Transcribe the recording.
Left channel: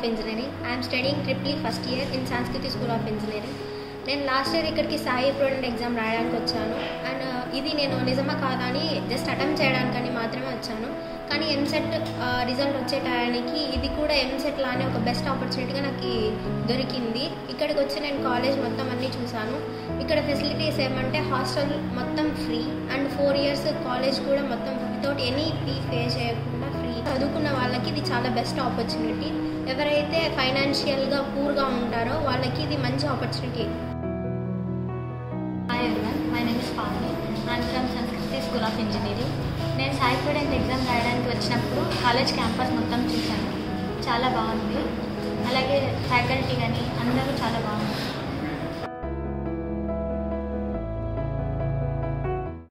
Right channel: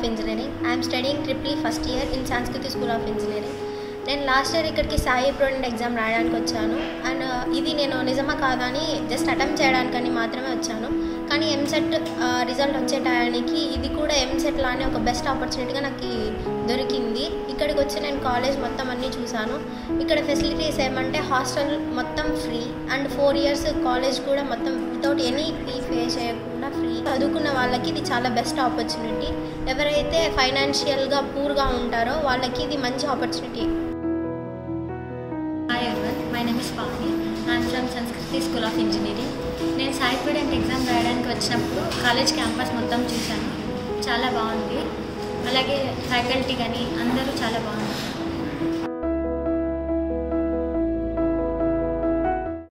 of Engineering. I am studying triple first year in Sanskriti School of Engineering. నేను last year ఇక్కడికి Sai ప్రోడెంట్ exam రాయడానికి వచ్చాను. And ఇది నేను నిజమా కాదా అని జస్ట్ అటెంప్ట్ చేయడానికని మాత్రమే వచ్చాను. కానీ ఎంసెట్ రిజల్ట్ వచ్చే టయానికి ఇది కూడా ఎంసెట్ లానే ఒక బెస్ట్ ఆపర్చునిటీగా నాకు దొరికింది. ఇక్కడికి వచ్చి నేను కాలేజ్ మొత్తం అన్నీ చూశాను. ఇక్కడ ఫెసిలిటీస్ ఏమంటే హాస్టల్ మొత్తం ఫ్రీ అండ్ 4 years కాలేజ్ కూడా మొత్తం వితౌట్ ఎనీ ఫీ పే చేయకుండా ఫ్రీ. చదువుకున్న వాళ్ళకి ఇది చాలా బెస్ట్ ఆపర్చునిటీ. ఎవరైతే ఫైనాన్షియల్గా పూర్గా ఉంటారో వాళ్ళకి ఇది మంచి opportunity. Hi everyone, my name is Pavni. I am from Sanskriti School of Engineering. నేను సాయి ప్రోడెంట్ ఎగ్జామ్ రాయడానికి వచ్చినప్పుడు కాలేజ్ క్యాంపస్ మొత్తం చూశాను. చాలా బాగుంది. అలాగే ఫ్యాకల్టీ కానీ అందరూ చాలా బాగుంది.